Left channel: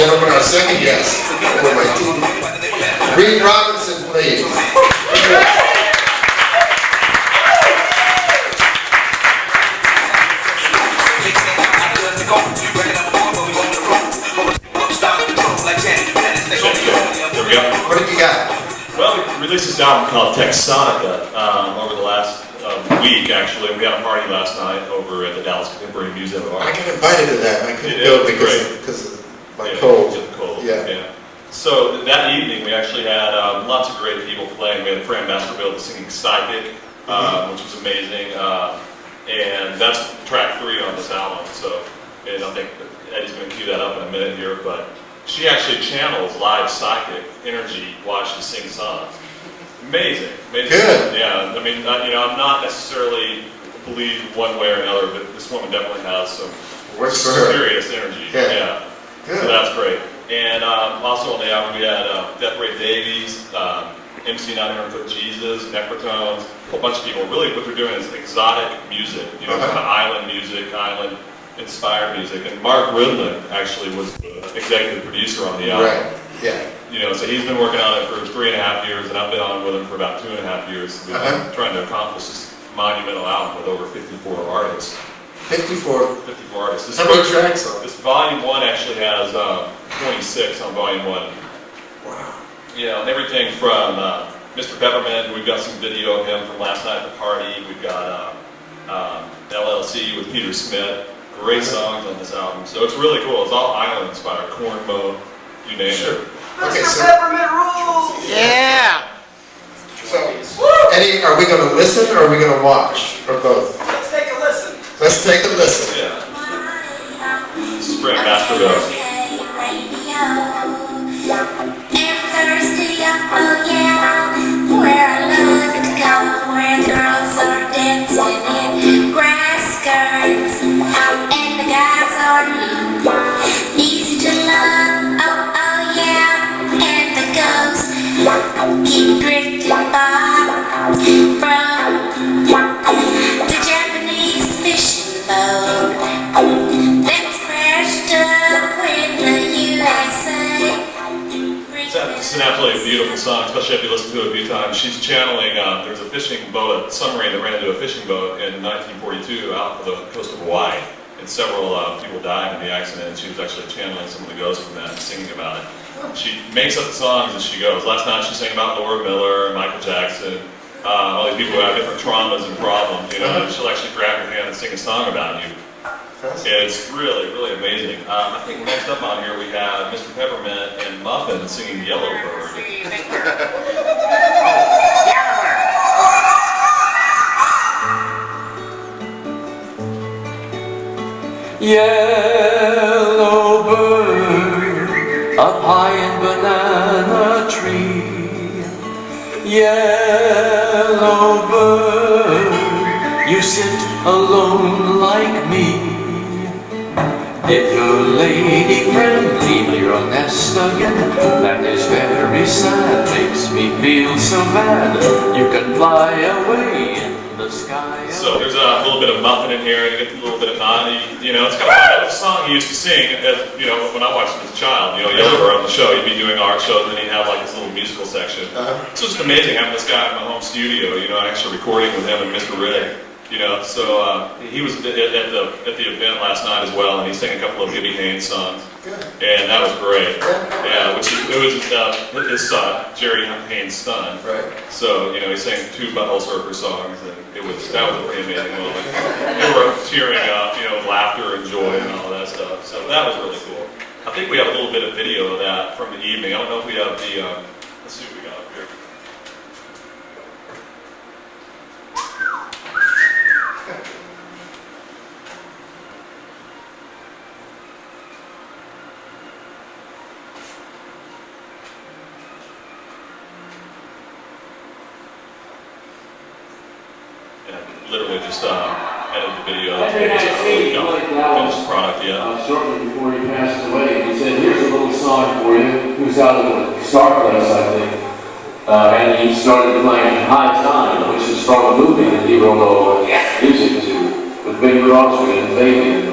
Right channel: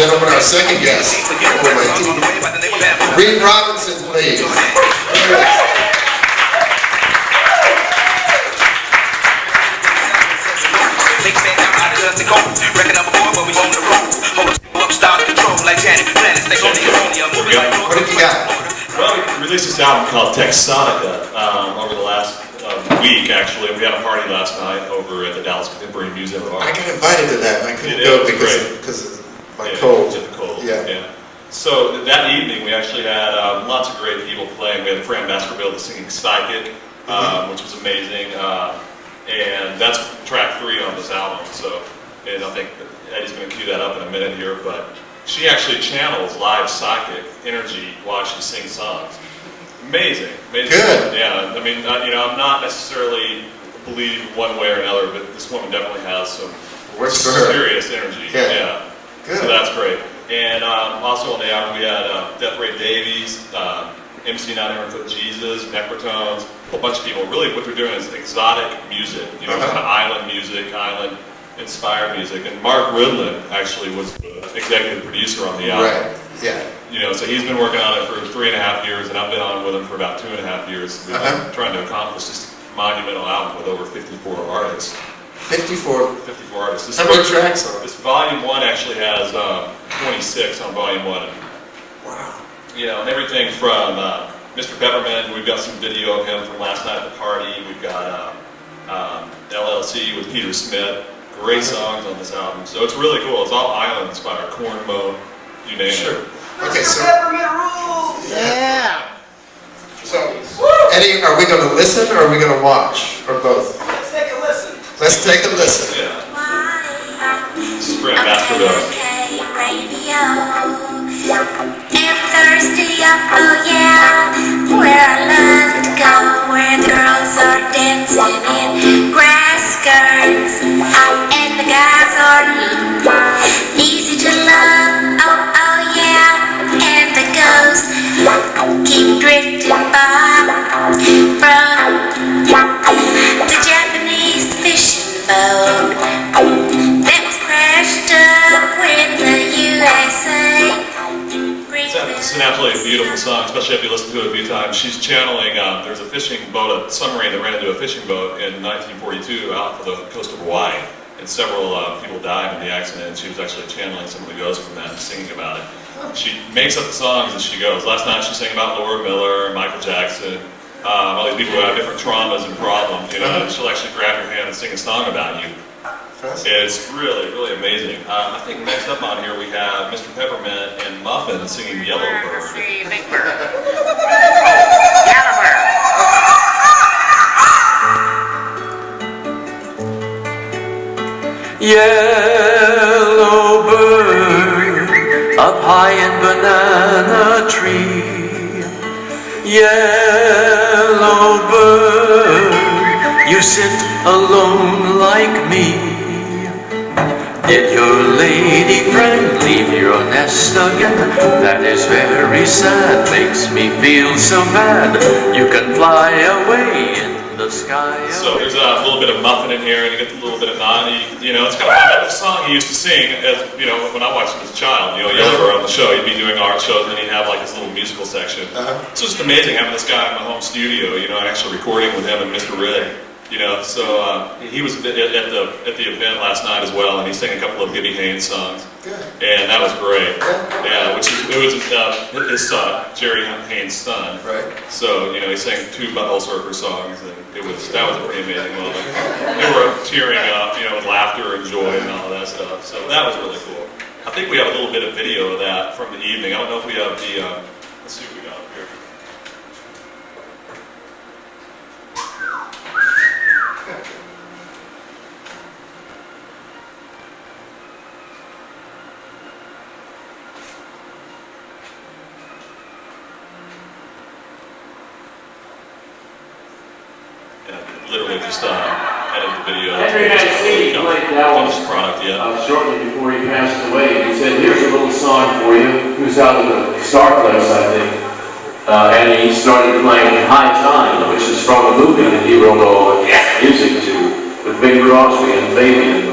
gentlemen, our second guest. Reid Robinson, please. What did you got? Well, we released this album called Texotica over the last week, actually. We had a party last night over at the Dallas Contemporary Museum of Art. I got invited to that, and I couldn't go because of my cold. Yeah. So that evening, we actually had lots of great people playing. We had Fran Baskerville singing Psychic, which was amazing. And that's track 3 on this album. So, and I think Eddie's going to cue that up in a minute here, but she actually channels live psychic energy while she sings songs. Amazing. Good. Yeah, I mean, I'm not necessarily believe one way or another, but this woman definitely has some serious energy. Yeah. Good. So that's great. And also on the album we had Death Ray Davies, MC 900 Foot Jesus, Necrotones, a whole bunch of people. Really what they're doing is exotic music, kind of island music, island-inspired music. And Mark Ridlin actually was the executive producer on the album. Right, yeah. So he's been working on it for 3.5 years, and I've been on with him for about 2.5 years. We've been trying to accomplish this monumental album with over 54 artists. 54 artists. How many tracks on it? This volume 1 actually has 26 on volume 1. Wow. Everything from Mr. Peppermint, we've got some video of him from last night at the party. We've got LLC with Peter Smith. Great songs on this album. So it's really cool. It's all island inspired. Corn Mo, you name it. Okay, so Peppermint rules! yeah. So, Eddie, are we going to listen or are we going to watch? Or both? Let's take a listen. Let's take a listen. Yeah. This is Fran Baskerville. Thursday, oh yeah, where I love to go, where the girls are dancing in grass skirts, and the guys are easy to love, oh yeah, and the ghosts keep drifting by from the Japanese fishing boat that was crashed up when the USA. It's an absolutely beautiful song, especially if you listen to it a few times. She's channeling, there's a fishing boat, a submarine that ran into a fishing boat in 1942 out of the coast of Hawaii. And several people died in the accident, and she was actually channeling some of the ghosts from that and singing about it. She makes up the songs as she goes. Last night she sang about Laura Miller and Michael Jackson, all these people who have different traumas and problems, and she'll actually grab your hand and sing a song about you. It's really, really amazing. I think next up on here we have Mr. Peppermint and Muffin singing Yellowbird. Yellowbird, up high in banana tree. Yellowbird, you sit alone like me. Did your lady friend leave your nest again? That is very sad, makes me feel so bad. You can fly away in the sky. So there's a little bit of Muffin in here, and you get a little bit of Noddy. It's kind of fun. That was a song he used to sing, as, when I watched him as a child. Yellowbird on the show, he'd be doing art shows, and he'd have like his little musical section. It's just amazing having this guy in my home studio, actually recording with him and Mr. Rig. So he was at the event last night as well, and he sang a couple of Gibby Haynes songs, and that was great. Yeah, it was his son, Jerry Haynes' son. Right. So he sang 2 Butthole Surfer songs, and that was a pretty amazing moment. They were tearing up, with laughter and joy and all that stuff. So that was really cool. I think we have a little bit of video of that from the evening. I don't know if we have the. Let's see what we got up here. Literally just edited the video. Finished the product yet. Shortly before he passed away, he said, "Here's a little song for you." He was out at the Star Place, I think, and he started playing "High Time," which is from a movie that he wrote all music to with Bing Crosby and Fabian.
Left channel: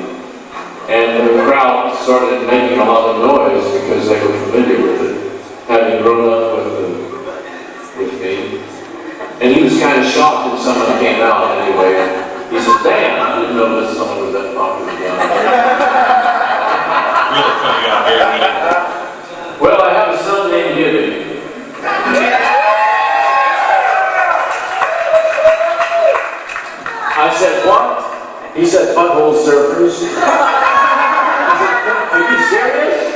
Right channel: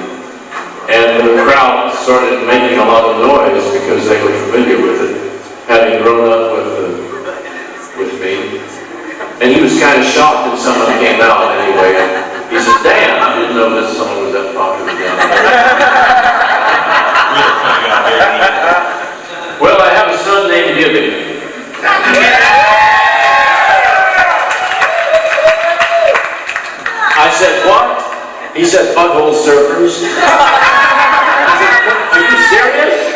And the crowd started making a lot of noise because they were familiar with it, having grown up with me. And he was kind of shocked that something came out anyway. He said, "Damn, I didn't know this song was that popular down there." Really funny guy, very good. Well, I have a son named Gibby. I said, "What?" He said, "Butthole surfers." I said, "Are you serious?"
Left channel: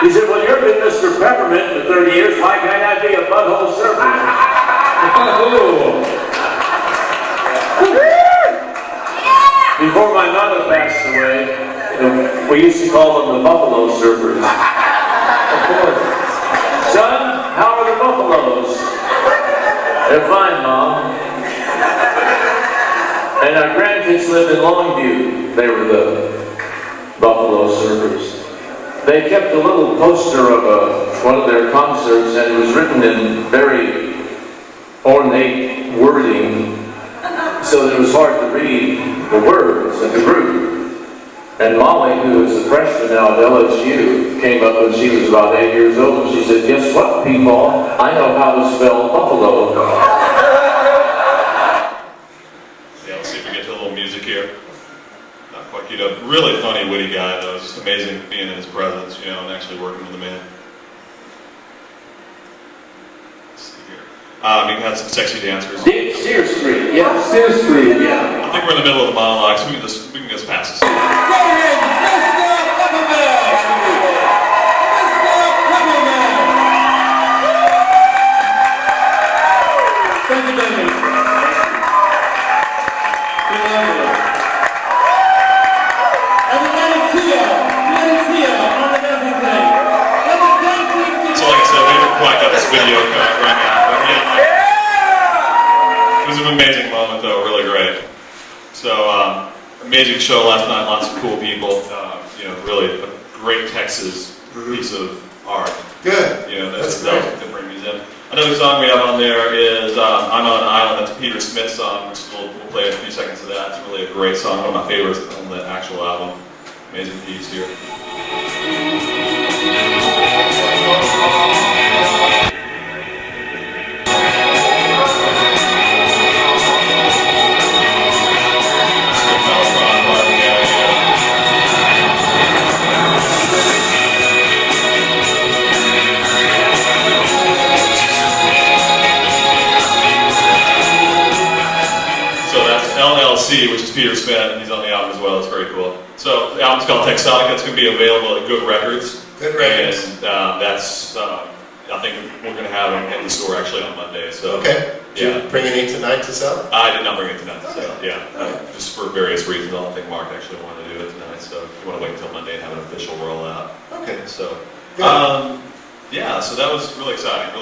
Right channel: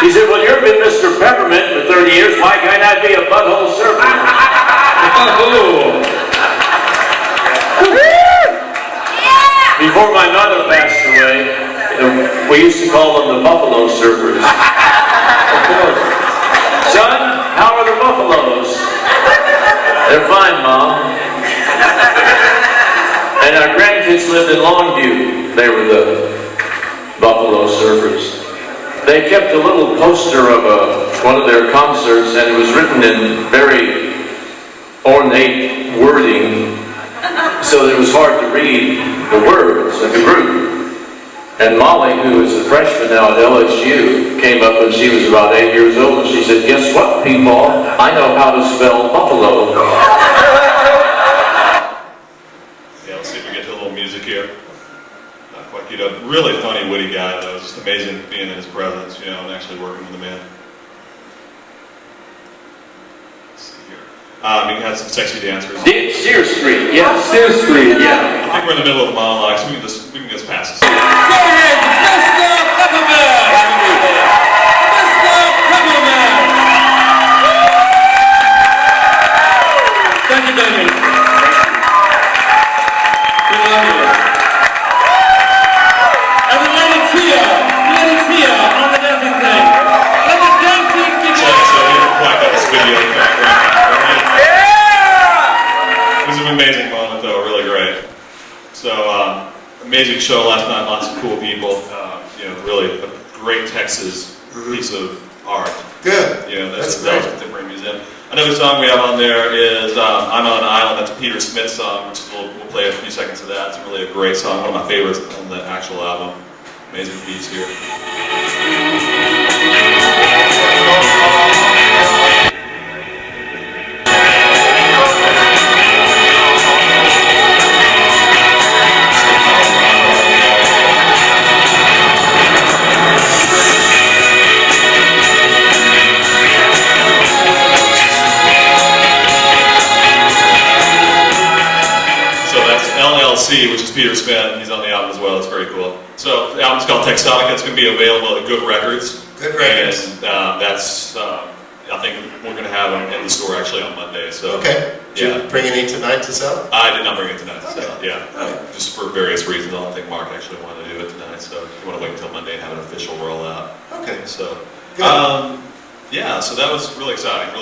He said, "Well, you've been Mr. Peppermint for 30 years. Why can't I be a butthole surfer?" Before my mother passed away, we used to call them the Buffalo Surfers. Of course. "Son, how are the buffaloes?" "They're fine, Mom." And our grandkids lived in Longview. They were the Buffalo Surfers. They kept a little poster of one of their concerts, and it was written in very ornate wording, so that it was hard to read the words of the group. And Molly, who is a freshman now at LSU, came up when she was about 8 years old, and she said, "Guess what, people? I know how to spell buffalo." Yeah, let's see if we get to a little music here. Not quite queued up. Really funny, witty guy, though. It's just amazing being in his presence, you know, and actually working with the man. Let's see here. We can have some sexy dancers. Sear Street, yeah, Sear Street, yeah. I think we're in the middle of the monologue, so we can just pass this. Thank you, David. We love you. And the lady Tia on the dancing thing. Let the dancing begin. So we haven't quite got this video back right now. It was an amazing moment, though, really great. So, amazing show last night, lots of cool people. You know, really a great Texas piece of art. Good. You know, That's that great. was to bring these in. Another song we have on there is "I'm on an Island." That's a Peter Smith song, which we'll play a few seconds of that. It's really a great song, one of my favorites on the actual album. Amazing piece here. LLC, which is Peter Smith, he's on the album as well. It's very cool. So the album's called Texotica. It's going to be available at Good Records. Good Records. And that's, I think we're going to have them in the store actually on Monday. So Okay. Did you yeah. bring any tonight to sell? I did not bring it tonight. So yeah, just for various reasons. I don't think Mark actually wanted to do it tonight. So you want to wait until Monday and have an official rollout. Okay. So. Good. Yeah, so that was really exciting,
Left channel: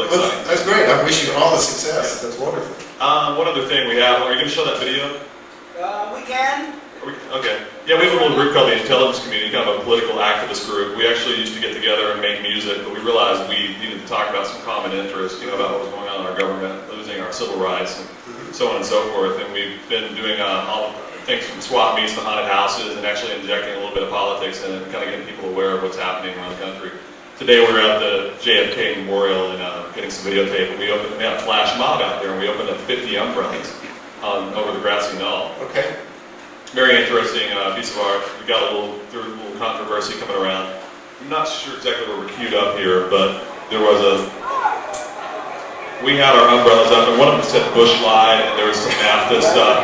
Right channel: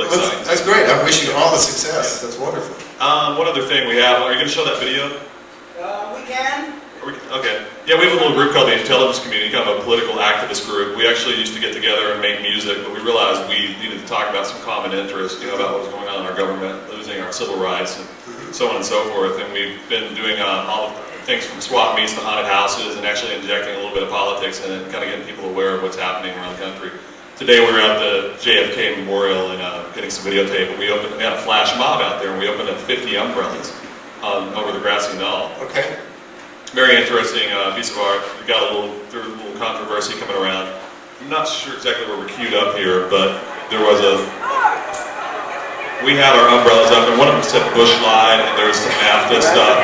That's great. I wish you all the success. That's wonderful. One other thing we have, are you going to show that video? We can. Okay. Yeah, we have a little group called the Intelligence Community, kind of a political activist group. We actually used to get together and make music, but we realized we needed to talk about some common interest, you know, about what was going on in our government, losing our civil rights, and so on and so forth. And we've been doing all of things from swap meets to haunted houses, and actually injecting a little bit of politics in it, and kind of getting people aware of what's happening around the country. Today we were at the JFK Memorial and getting some videotape, and we had a flash mob out there, and we opened up 50 umbrellas over the grassy knoll. Okay. Very interesting piece of art. We got there was a little controversy coming around. I'm not sure exactly where we're queued up here, but we had our umbrellas up, and one of them said Bush lied, and there was some NAFTA stuff,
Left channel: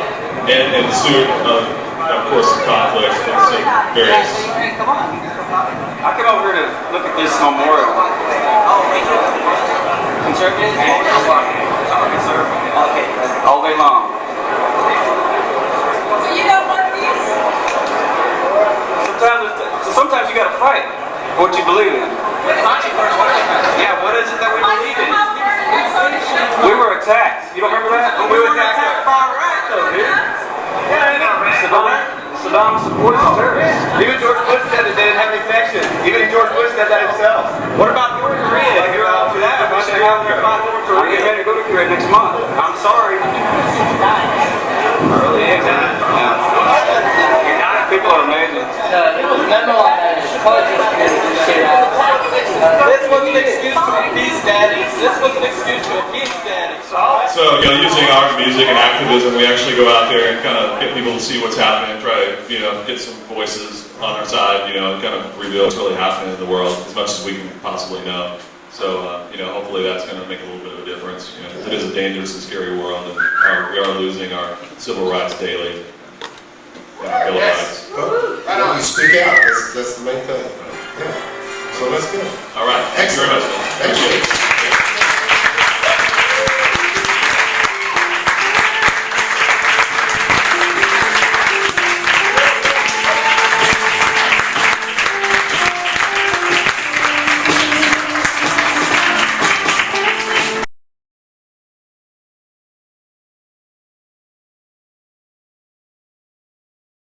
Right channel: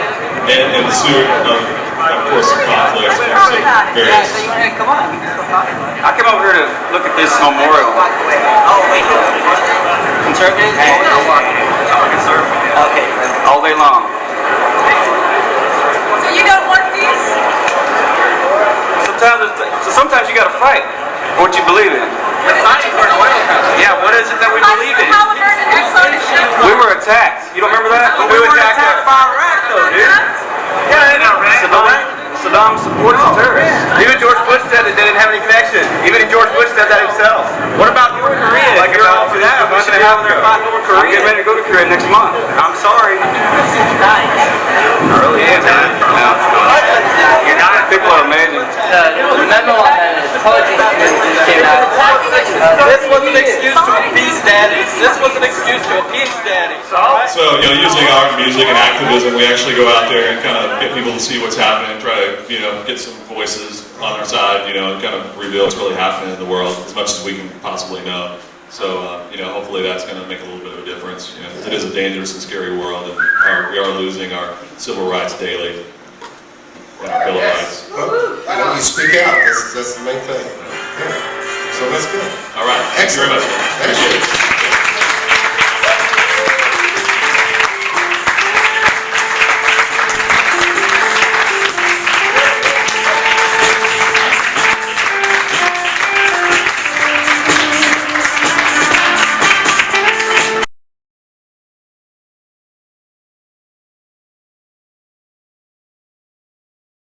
and ensued, of course, some conflicts and some various. Come on. I came over here to look at this memorial. Conservative? Okay. All day long. So you don't want these? Sometimes you gotta fight for what you believe in. Yeah, what is it that we believe in? We were attacked. You don't remember that? We were attacked by Iraq, though, dude. Saddam supported the terrorists. Even George Bush said that they didn't have any connection. Even George Bush said that himself. What about North Korea? Like about that, we should have there fighting over Korea. I'm getting ready to go to Korea next month. I'm sorry. I really am, man. People are amazing. The memo on that is This was an excuse to appease daddy. This was an excuse to appease daddy. So, using art, music, and activism, we actually go out there and kind of get people to see what's happening, try to, get some voices on our side, kind of reveal what's really happening in the world as much as we can possibly know. So, hopefully that's going to make a little bit of a difference. It is a dangerous and scary world, and we are losing our civil rights daily. And our Bill of Rights. Well, you speak out. That's the main thing. Yeah. So that's good. All right. Thank you very much. Thank you.